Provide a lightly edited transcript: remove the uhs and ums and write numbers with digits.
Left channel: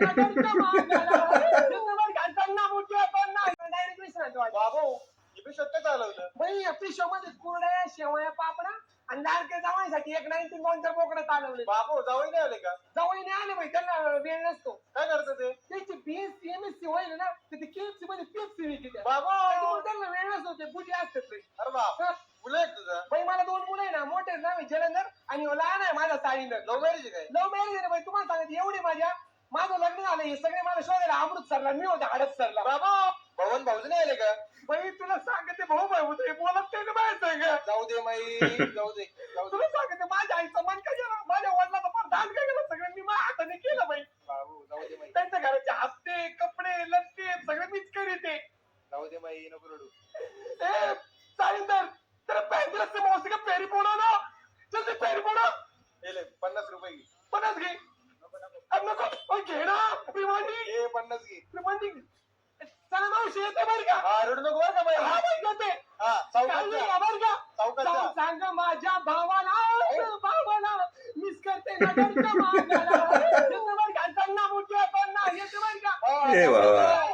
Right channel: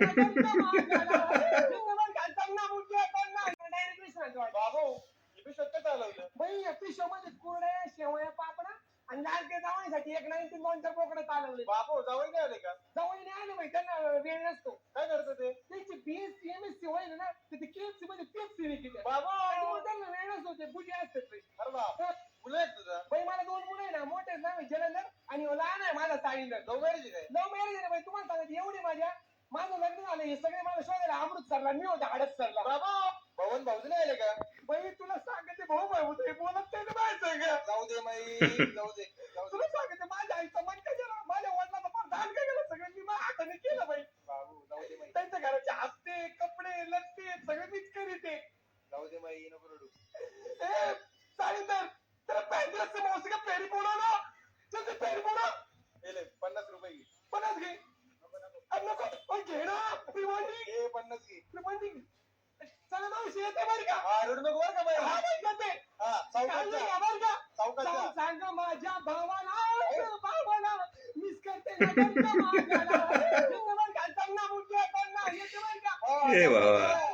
नगरच्या मांगाला नगर घालताना मुठ्या पडणार डायरेक्ट विसरतो बाबू इथे सत्य चालवलं बाई पिशोमध्ये कुरड्या शेवया पापडा आणि लाडके जावयासाठी एक 92 चा बोकडा चालवले बाबू जावई नाही आले का जावई नाही आले बाई त्यांना वेळ नसतो काय करतं ते त्याची बीएससी एमएससी होईल ना तर ती केएफसी मध्ये पेप्सी विकते बाबू त्याच्यामुळे त्यांना वेळ नसतो ते बुटी असतात बाई अरे बाप मुलं आहेत तुझं बाई मला 2 मुलं आहे ना मोठे नाव जलंधर आणि लहान आहे माझा साईंदर लव्ह मॅरेज काय लव्ह मॅरेज आहे बाई तुम्हाला सांगते एवढी माझं लग्न झालं हे सगळे मला शोधायला अमृतसरला मी होते हडपसरला बाबा भवन भाऊज नाही आले का बाई तुला सांगते भाऊ भाऊ होते बोलत ते बाहेर आहे का जाऊ दे माई जाऊ दे तुला सांगते माझ्या आईचं मन काय केलं माझ्या वडिलाचं पण दान काय केलं सगळं मी माझ्या हाताने केलं बाई बाबू जाऊ दे माई त्यांच्या घराचे हप्ते कपडे लत्ते सगळे मीच करीते जाऊ दे माई नको रडू ए साईंदर तेरा पैंतीस से मौसी का पेरी पोड़ो ना जल्दी पेरी पोड़ो ले 50 रुपये घे 50 घे अब नको ओय घे ना प्रिमांडी हे 50 घे प्रिमांडी चला मावशी येते बरं का हा रडू नको बरं का बाई हा बाई येते हा चालू बरं का चौकात सांग माझ्या भावाला मिस करते नगरच्या मांगाला नगर घालताना मुठ्या पडणार येते बरं का ए बाबा